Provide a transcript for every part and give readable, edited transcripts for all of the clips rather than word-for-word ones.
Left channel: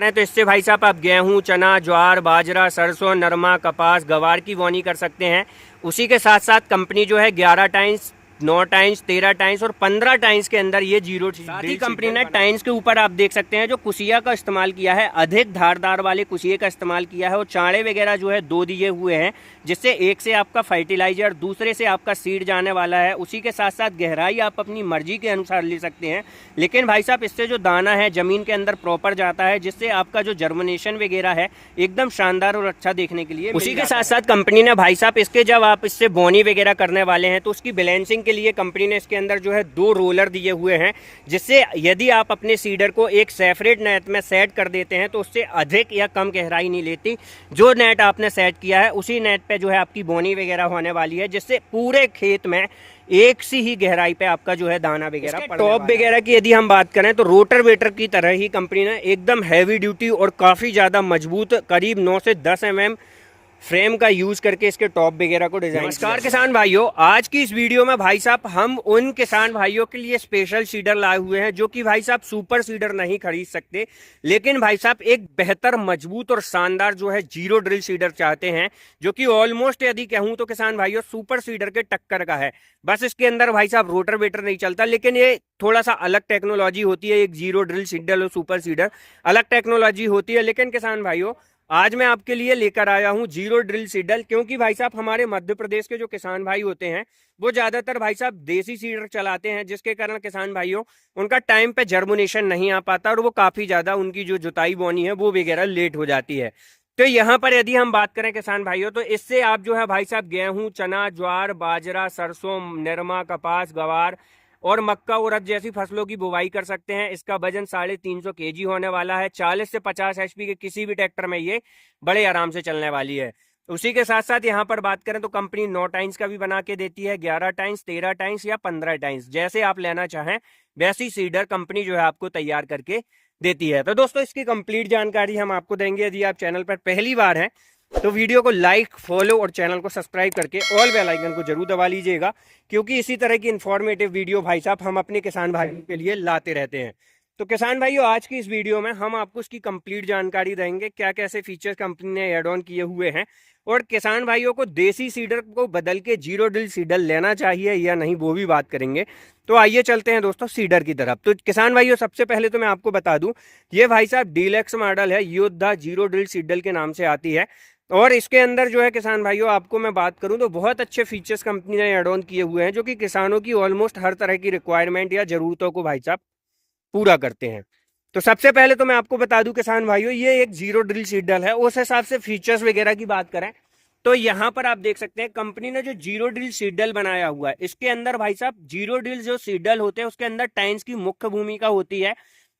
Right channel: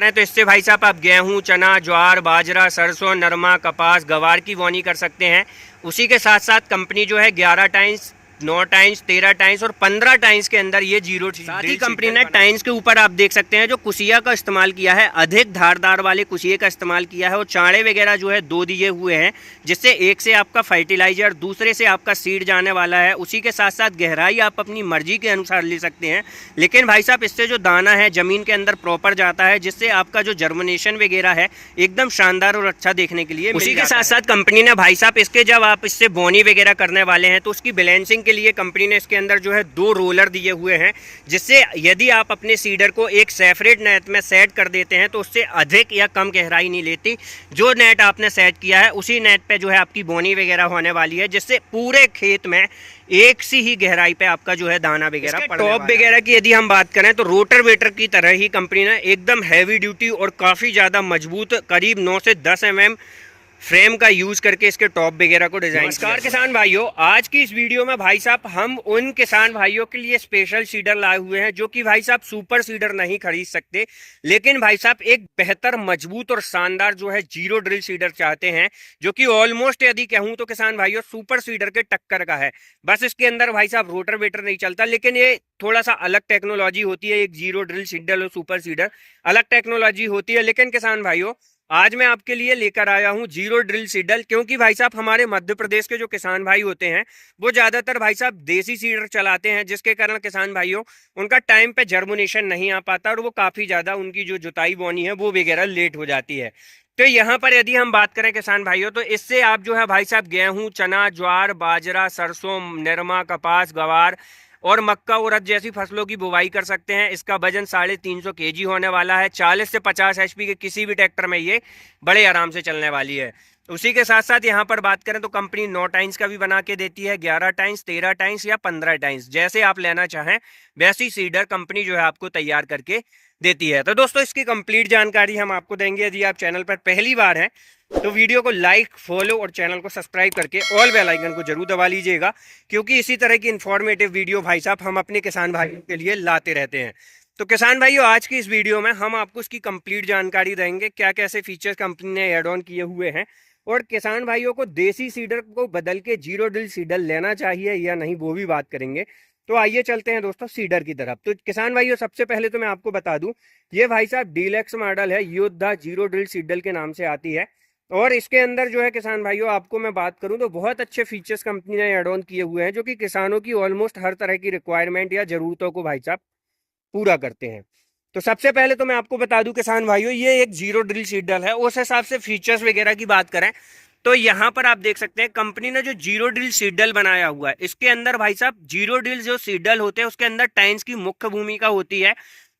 करें तो इससे भाई साहब आप गेहूं, चना, ज्वार, बाजरा, सरसों, नरमा, कपास, गवार की बोनी कर सकते हैं। उसी के साथ साथ कंपनी जो है 11 टाइम्स, 9 टाइम्स, 13 टाइम्स और 15 टाइम्स के अंदर ये जीरो, साथ ही कंपनी ने टाइम्स के ऊपर आप देख सकते हैं जो कुशिया का इस्तेमाल किया है, अधिक धारदार वाले कुशिये का इस्तेमाल किया है और चाड़े वगैरह जो है 2 दिए हुए हैं, जिससे एक से आपका फर्टिलाइजर, दूसरे से आपका सीड जाने वाला है। उसी के साथ साथ गहराई आप अपनी मर्जी के अनुसार ले सकते हैं, लेकिन भाई साहब इससे जो दाना है जमीन के अंदर प्रॉपर जाता है, जिससे आपका जो जर्मिनेशन वगैरह है एकदम शानदार और अच्छा देखने के लिए। उसी के साथ साथ कंपनी ने भाई साहब इसके जब आप इससे बोनी वगैरह करने वाले हैं तो उसकी बैलेंसिंग के लिए कंपनी ने इसके अंदर जो है 2 रोलर दिए हुए हैं, जिससे यदि आप अपने सीडर को एक सेपरेट नेट में सेट कर देते हैं तो उससे अधिक या कम गहराई नहीं लेती। जो नेट आपने सेट किया है उसी नेट पे जो है आपकी बोनी वगैरह होने वाली है, जिससे पूरे खेत में एक सी ही गहराई पे आपका जो है दाना वगैरह। टॉप वगैरह की यदि हम बात करें तो रोटर वेटर की तरह ही कंपनी ने एकदम हैवी ड्यूटी और काफ़ी ज़्यादा मजबूत करीब 9 से 10 mm फ्रेम का यूज करके इसके टॉप वगैरह को डिजाइन। नमस्कार किसान भाइयों, आज की इस वीडियो में भाई साहब हम उन किसान भाइयों के लिए स्पेशल सीडर लाए हुए हैं जो कि भाई साहब सुपर सीडर नहीं खरीद सकते, लेकिन भाई साहब एक बेहतर, मजबूत और शानदार जो है जीरो ड्रिल सीडर चाहते हैं, जो कि ऑलमोस्ट यदि कहूं तो किसान भाइयों सुपर सीडर के टक्कर का है। बस इसके अंदर भाई साहब रोटर वेटर नहीं चलता, लेकिन ये थोड़ा सा अलग टेक्नोलॉजी होती है। एक जीरो ड्रिल सीडर और सुपर सीडर अलग टेक्नोलॉजी होती है, लेकिन किसान भाइयों आज मैं आपके लिए लेकर आया हूं जीरो ड्रिल सीडर, क्योंकि भाई साहब हमारे मध्य प्रदेश के जो किसान भाई होते हैं वो ज्यादातर भाई साहब देसी सीडर चलाते हैं, जिसके कारण किसान भाइयों उनका टाइम पे जर्मिनेशन नहीं आ पाता और वो काफी ज्यादा उनकी जो जुताई बोनी है वो वगैरह लेट हो जाती है। तो यहाँ पर यदि हम बात करें किसान भाइयों तो इससे आप जो है भाई साहब गेहूं, चना, ज्वार, बाजरा, सरसों, निरमा, कपास, गवार और मक्का, उड़द जैसी फसलों की बुवाई कर सकते हैं। इसका वजन 350 kg होने वाला है। 40 से 50 HP के किसी भी ट्रैक्टर में ये बड़े आराम से चलने वाली है। उसी के साथ साथ यहाँ पर बात करें तो कंपनी 9 टाइम्स का भी बना के देती है, 11 टाइम्स, 13 टाइम्स या 15 टाइम्स, जैसे आप लेना चाहें वैसी सीडर कंपनी जो है आपको तैयार करके देती है। तो दोस्तों इसकी कंप्लीट जानकारी हम आपको देंगे। यदि आप चैनल पर पहली बार हैं तो वीडियो को लाइक, फॉलो और चैनल को सब्सक्राइब करके ऑल बेल आइकन को जरूर दबा लीजिएगा, क्योंकि इसी तरह की इन्फॉर्मेटिव वीडियो भाई साहब हम अपने किसान भाइयों के लिए लाते रहते हैं। तो किसान भाइयों आज की इस वीडियो में हम आपको इसकी कंप्लीट जानकारी देंगे, क्या कैसे फीचर्स कंपनी ने एड ऑन किए हुए हैं, और किसान भाइयों को देसी सीडर को बदल के जीरो ड्रिल सीडर लेना चाहिए या नहीं वो भी बात करेंगे। तो आइए चलते हैं दोस्तों सीडर की तरफ। तो किसान भाइयों सबसे पहले तो मैं आपको बता दूं, ये भाई साहब डीलक्स मॉडल है, योद्धा जीरो ड्रिल सीडर के नाम से आती है। और इसके अंदर जो है किसान भाइयों आपको मैं बात करूं तो बहुत अच्छे फीचर्स कंपनी ने एड ऑन किए हुए हैं, जो कि किसानों की ऑलमोस्ट हर तरह की रिक्वायरमेंट या जरूरतों को भाई साहब पूरा करते हैं। तो सबसे पहले तो मैं आपको बता दूं किसान भाइयों, ये एक जीरो ड्रिल सीडर है। उस हिसाब से फीचर्स वगैरह की बात करें तो यहाँ पर आप देख सकते हैं कंपनी ने जो जीरो ड्रिल सीडल बनाया हुआ है, इसके अंदर भाई साहब जीरो ड्रिल जो सीडल होते हैं उसके अंदर टाइम्स की मुख्य भूमिका होती है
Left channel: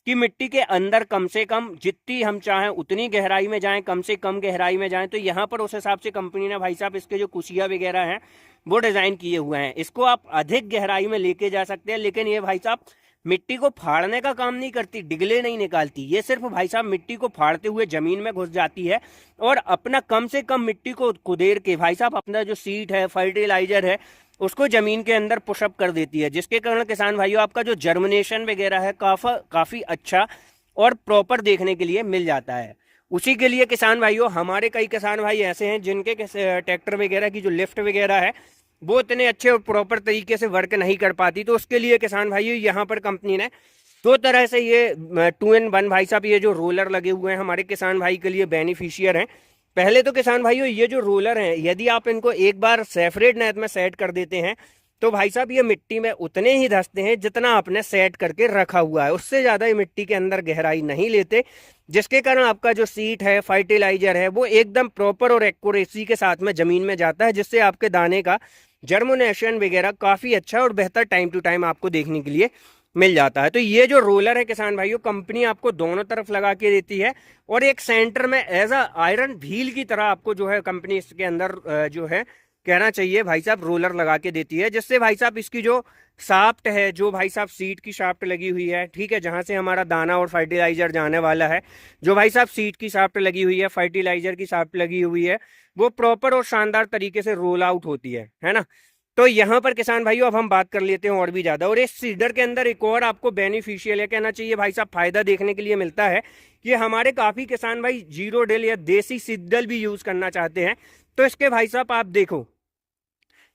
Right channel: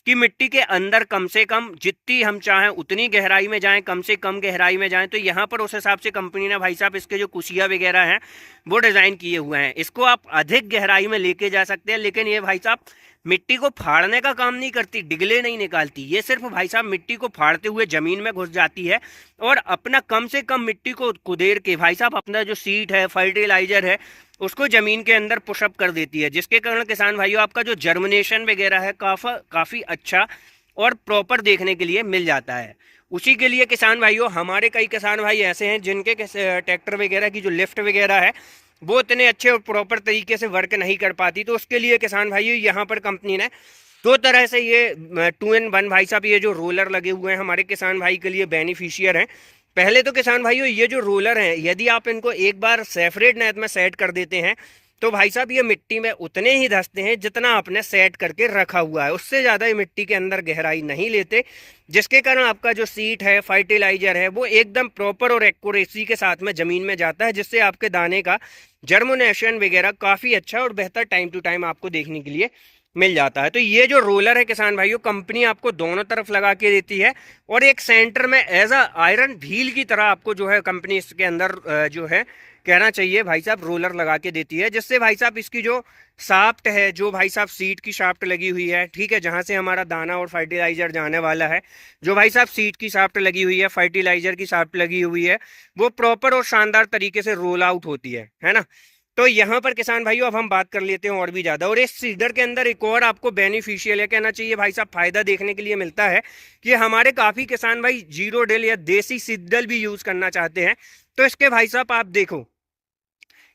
कि मिट्टी के अंदर कम से कम जितनी हम चाहें उतनी गहराई में जाएं, कम से कम गहराई में जाएं। तो यहाँ पर उस हिसाब से कंपनी ने भाई साहब इसके जो कुशिया वगैरह हैं वो डिजाइन किए हुए हैं। इसको आप अधिक गहराई में लेके जा सकते हैं, लेकिन ये भाई साहब मिट्टी को फाड़ने का काम नहीं करती, डिगले नहीं निकालती। ये सिर्फ भाई साहब मिट्टी को फाड़ते हुए जमीन में घुस जाती है और अपना कम से कम मिट्टी को कुदेर के भाई साहब अपना जो सीड है, फर्टिलाइजर है, उसको जमीन के अंदर पुशअप कर देती है, जिसके कारण किसान भाइयों आपका जो जर्मिनेशन वगैरह है काफी अच्छा और प्रॉपर देखने के लिए मिल जाता है। उसी के लिए किसान भाइयों हमारे कई किसान भाई ऐसे हैं जिनके ट्रैक्टर वगैरह की जो लिफ्ट वगैरह है वो इतने अच्छे और प्रॉपर तरीके से वर्क नहीं कर पाती। तो उसके लिए किसान भाइयों यहाँ पर कंपनी ने 2 तरह से ये 2-in-1 भाई साहब ये जो रोलर लगे हुए हैं हमारे किसान भाई के लिए बेनिफिशियर हैं। पहले तो किसान भाइयों ये जो रोलर हैं यदि आप इनको एक बार सेपरेट नेट में सेट कर देते हैं तो भाई साहब ये मिट्टी में उतने ही धंसते हैं जितना आपने सेट करके रखा हुआ है, उससे ज़्यादा ये मिट्टी के अंदर गहराई नहीं लेते, जिसके कारण आपका जो सीड है, फर्टिलाइजर है, वो एकदम प्रॉपर और एक्यूरेसी के साथ में ज़मीन में जाता है, जिससे आपके दाने का जर्मिनेशन वगैरह काफ़ी अच्छा और बेहतर टाइम टू टाइम आपको देखने के लिए मिल जाता है। तो ये जो रोलर है किसान भाइयों कंपनी आपको दोनों तरफ लगा के देती है और एक सेंटर में एज अ आयरन व्हील की तरह आपको जो है कंपनी इसके अंदर जो है कहना चाहिए भाई साहब रोलर लगा के देती है, जिससे भाई साहब इसकी जो शाफ्ट है, जो भाई साहब सीड की शाफ्ट लगी हुई है, ठीक है, जहां से हमारा दाना और फर्टिलाइजर जाने वाला है, जो भाई साहब सीड की शाफ्ट लगी हुई है, फर्टिलाइजर की शाफ्ट लगी हुई है, वो प्रॉपर और शानदार तरीके से रोल आउट होती है ना। तो यहाँ पर किसान भाइयों अब हम बात कर लेते हैं और भी ज़्यादा। और इस सीडर के अंदर एक और आपको बेनिफिशियल है, कहना चाहिए भाई साहब, फायदा देखने के लिए मिलता है कि हमारे काफ़ी किसान भाई जीरो डिल या देसी सीडल भी यूज़ करना चाहते हैं। तो इसके भाई साहब आप देखो,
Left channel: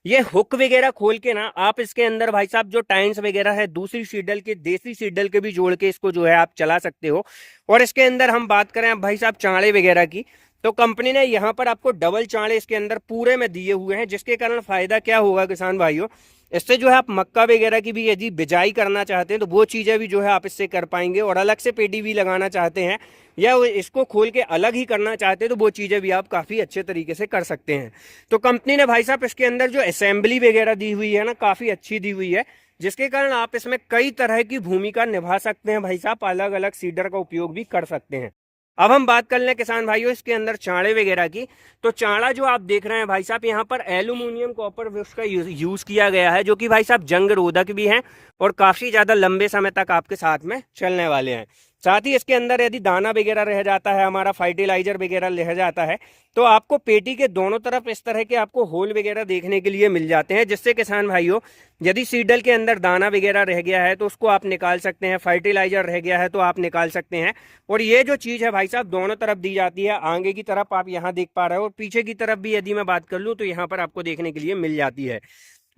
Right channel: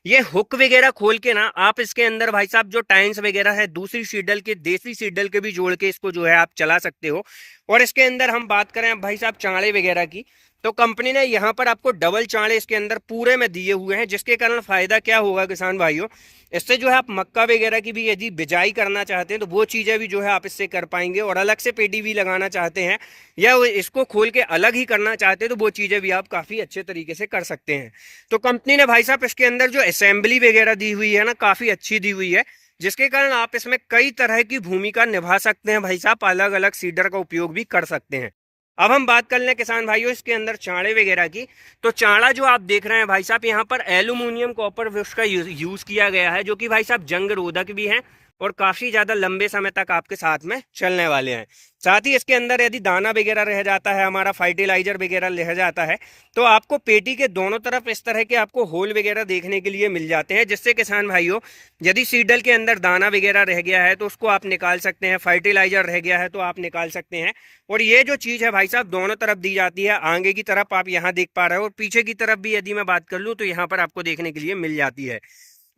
ये हुक वगैरह खोल के ना आप इसके अंदर भाई साहब जो टाइन्स वगैरह है दूसरी सीडल के, देसी सीडल के भी जोड़ के इसको जो है आप चला सकते हो। और इसके अंदर हम बात करें भाई साहब चाड़े वगैरह की, तो कंपनी ने यहाँ पर आपको डबल चाड़े इसके अंदर पूरे में दिए हुए हैं, जिसके कारण फायदा क्या होगा किसान भाइयों, इससे जो है आप मक्का वगैरह की भी यदि बिजाई करना चाहते हैं तो वो चीज़ें भी जो है आप इससे कर पाएंगे। और अलग से पेडी भी लगाना चाहते हैं या इसको खोल के अलग ही करना चाहते हैं तो वो चीज़ें भी आप काफ़ी अच्छे तरीके से कर सकते हैं। तो कंपनी ने भाई साहब इसके अंदर जो असेंबली वगैरह दी हुई है ना, काफ़ी अच्छी दी हुई है, जिसके कारण आप इसमें कई तरह की भूमिका निभा सकते हैं भाई साहब, अलग अलग सीडर का उपयोग भी कर सकते हैं। अब हम बात कर लें किसान भाइयों इसके अंदर चाड़े वगैरह की, तो चाड़ा जो आप देख रहे हैं भाई साहब, यहाँ पर एल्यूमिनियम कॉपर ब्रश का यूज़ किया गया है, जो कि भाई साहब जंग रोधक भी हैं और काफ़ी ज़्यादा लंबे समय तक आपके साथ में चलने वाले हैं। साथ ही इसके अंदर यदि दाना वगैरह रह जाता है, हमारा फर्टिलाइजर वगैरह रह जाता है, तो आपको पेटी के दोनों तरफ इस तरह के आपको होल वगैरह देखने के लिए मिल जाते हैं, जिससे किसान भाइयों यदि सीडल के अंदर दाना वगैरह रह गया है तो उसको आप निकाल सकते हैं, फर्टिलाइजर रह गया है तो आप निकाल सकते हैं। और ये जो चीज़ है भाई साहब दोनों तरफ दी जाती है, आगे की तरफ आप यहाँ देख पा रहे हो और पीछे की तरफ भी यदि मैं बात कर लूँ तो यहाँ पर आपको देखने के लिए मिल जाती है।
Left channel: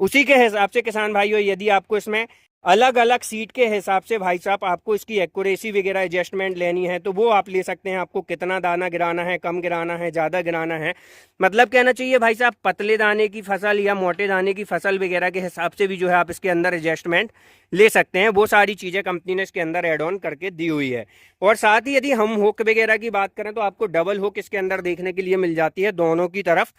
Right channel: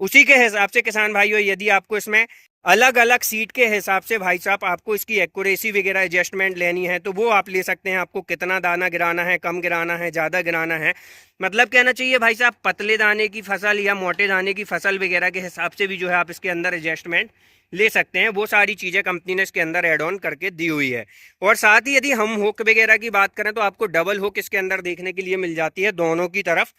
उसी के हिसाब से किसान भाइयों यदि आपको इसमें अलग अलग सीट के हिसाब से भाई साहब आपको इसकी एक्यूरेसी वगैरह एडजस्टमेंट लेनी है तो वो आप ले सकते हैं। आपको कितना दाना गिराना है, कम गिराना है, ज़्यादा गिराना है, मतलब कहना चाहिए भाई साहब पतले दाने की फसल या मोटे दाने की फसल वगैरह के हिसाब से भी जो है आप इसके अंदर एडजस्टमेंट ले सकते हैं। वो सारी चीज़ें कंपनी ने इसके अंदर एड ऑन करके दी हुई है। और साथ ही यदि हम हुक वगैरह की बात करें तो आपको डबल हुक इसके अंदर देखने के लिए मिल जाती है दोनों की तरफ।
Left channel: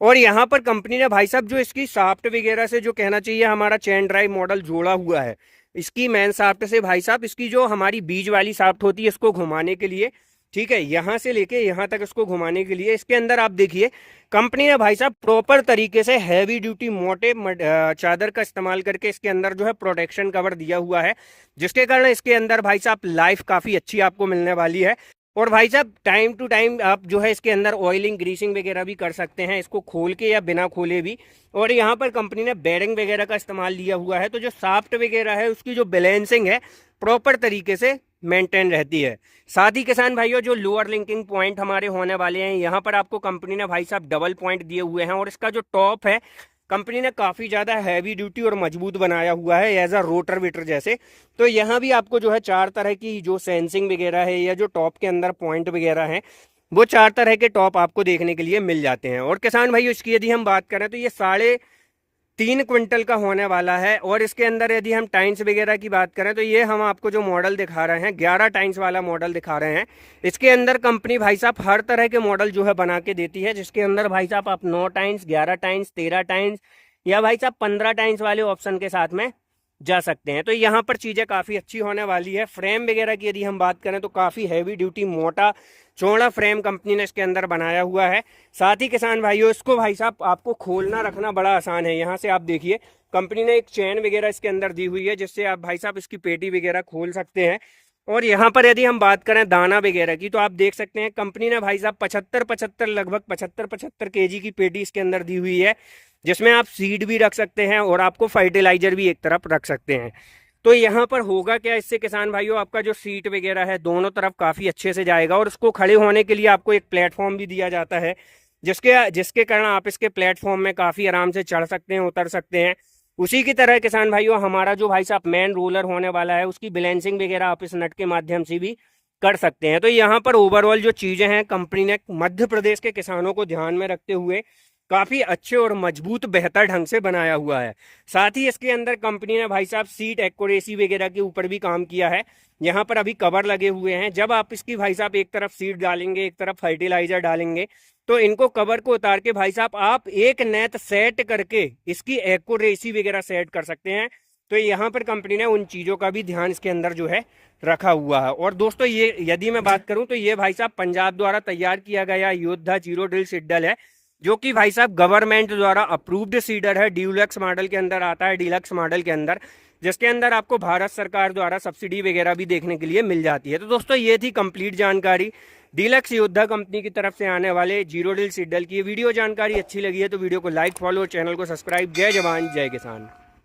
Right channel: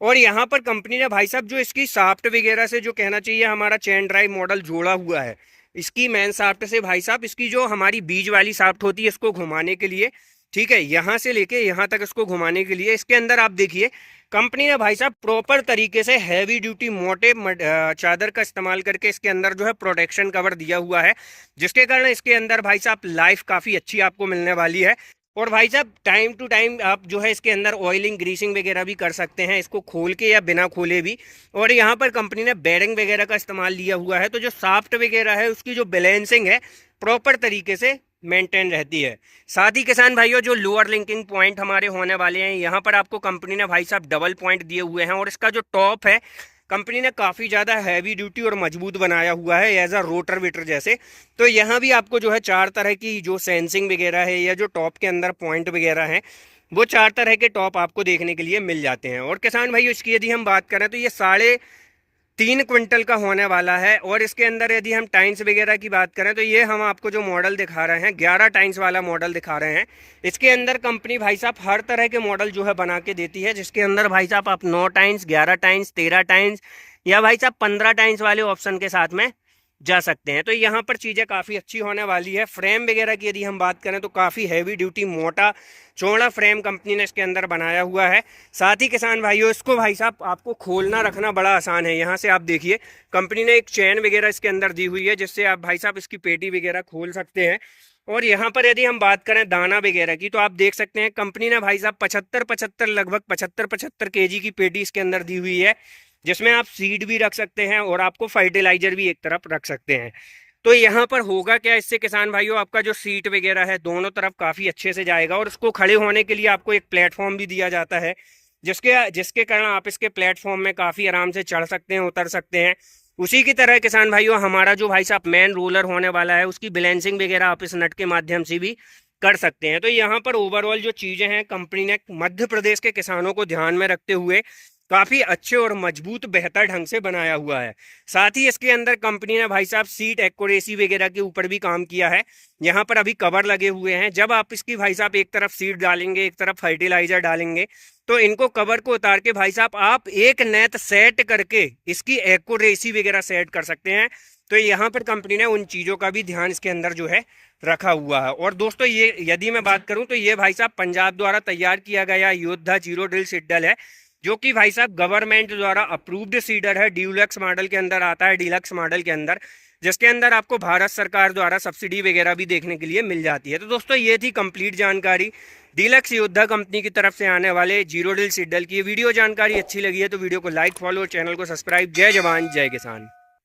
और यहाँ पर कंपनी ने भाई साहब जो इसकी साफ्ट वगैरह से जो कहना चाहिए हमारा चेन ड्राइव मॉडल जोड़ा हुआ है, इसकी मेन साफ्ट से भाई साहब इसकी जो हमारी बीज वाली साफ्ट होती है इसको घुमाने के लिए, ठीक है, यहाँ से लेके यहाँ तक इसको घुमाने के लिए इसके अंदर आप देखिए कंपनी ने भाई साहब प्रॉपर तरीके से हैवी ड्यूटी मोटे चादर का इस्तेमाल करके इसके अंदर जो है प्रोटेक्शन कवर दिया हुआ है, जिसके कारण इसके अंदर भाई साहब लाइफ काफ़ी अच्छी आपको मिलने वाली है। और भाई साहब टाइम टू टाइम आप जो है इसके अंदर ऑयलिंग ग्रीसिंग वगैरह भी कर सकते हैं, इसको खोल के या बिना खोले भी। और यहाँ पर कंपनी ने बेरिंग वगैरह का इस्तेमाल लिया हुआ है, तो जो साफ्ट वगैरह है उसकी जो बैलेंसिंग है प्रॉपर तरीके से मेंटेन रहती है। साथ ही किसान भाइयों जो लोअर लिंकिंग पॉइंट हमारे होने वाले हैं, यहाँ पर आपको कंपनी ने भाई साहब डबल पॉइंट दिए हुए हैं। और इसका जो टॉप है कंपनी ने काफ़ी ज़्यादा हैवी ड्यूटी और मजबूत बनाया हुआ है एज अ रोटर वीटर जैसे। तो यहाँ भी आपको जो है 4 तरह की जो सेंसिंग वगैरह है या जो टॉप के अंदर पॉइंट वगैरह हैं वो 4 तरह के टॉप आपको देखने के लिए मिल जाते हैं। और किसान भाई इसकी यदि हम बात करें तो ये 3.5 क्विंटल का होने वाला है। और इसके अंदर यदि हम टाइन्स वगैरह की बात करें तो ये हम आपको जो मॉडल दिखा रहे हैं 11 टाइन्स वाला मॉडल दिखा रहे हैं। इसके अंदर कंपनी भाई साहब हर तरह के मॉडल जो है बना के देती है, जिसके अंदर भाई साहब आप 9 टाइन्स, 11 टाइन्स, 13 टाइन्स या भाई साहब 15 टाइन्स वाले ऑप्शन के साथ में जा सकते हैं। तो यहाँ पर चीज़ें काफ़ी अच्छी होने वाली है। फ्रेम वगैरह की यदि हम बात करें तो काफ़ी हैवी ड्यूटी मोटा चौड़ा फ्रेम कंपनी ने इसके अंदर बनाया हुआ है। साथ ही किसान भाइयों इसको भाई साहब आपको खोलना रखना बड़ा आसान है। यहाँ से आप देखिए कंपनी ने एक चेन वगैरह इसके अंदर दी हुई है, जिससे आप भाई साहब इसकी पेटी वगैरह खोल सकते हैं। और यहाँ पर यदि हम बात करें दाना वगैरह की तो आप देख सकते हैं कंपनी ने भाई साहब 75 लगभग 75 केजी की पेटी इसके अंदर दी हुई है, जिसमें आप सीड भी रख सकते हैं और आपको फर्टिलाइजर भी एक तरफ रख सकते हैं। तो यहाँ पर होगा क्या इससे किसान भाइयों, आपका जो सीट वगैरह है दोनों तरफ काफ़ी अच्छे से जाएगा। और उसको खड़े होने के लिए आपको एक प्लेटफॉर्म भी दिया जाता है, जिसके कारण आप इसके प्लेटफॉर्म में काफ़ी आराम से चढ़ सकते हैं, उतर सकते हैं। उसी की तरह किसान भाइयों हमारा जो भाई साहब मेन रोलर होने वाला है उसकी बैलेंसिंग वगैरह आप इस नट के माध्यम से भी कर सकते हैं। तो यहाँ पर ओवरऑल जो चीज़ें हैं कंपनी ने मध्य प्रदेश के किसानों को ध्यान में रखते हुए काफ़ी अच्छे और मजबूत बेहतर ढंग से बनाया हुआ है। साथ ही इसके अंदर कंपनी ने भाई साहब सीट एक्यूरेसी वगैरह के ऊपर भी काम किया है। यहाँ पर अभी कवर लगे हुए हैं, जब आप इसकी भाई साहब एक तरफ सीट डालेंगे एक तरफ फर्टिलाइजर डालेंगे तो इनको कवर को उतार के भाई साहब आप एक नेट सेट करके इसकी एक्यूरेसी वगैरह सेट कर सकते हैं। तो यहाँ पर कंपनी ने उन चीज़ों का भी ध्यान इसके अंदर जो है रखा हुआ है। और दोस्तों ये यदि मैं बात करूँ तो ये भाई साहब पंजाब द्वारा तैयार किया गया योद्धा जीरो ड्रिल सीडल है, जो कि भाई साहब गवर्नमेंट द्वारा अप्रूव्ड सीडर है। डीलक्स मॉडल के अंदर आता है, डीलक्स मॉडल के अंदर जिसके अंदर आपको भारत सरकार द्वारा सब्सिडी वगैरह भी देखने के लिए मिल जाती है। तो दोस्तों ये थी कंप्लीट जानकारी डीलक्स योद्धा कंपनी की तरफ से आने वाले जीरो डील सीट डील की। वीडियो जानकारी अच्छी लगी है तो वीडियो को लाइक, फॉलो, चैनल को सब्सक्राइब। जय जवान जय किसान।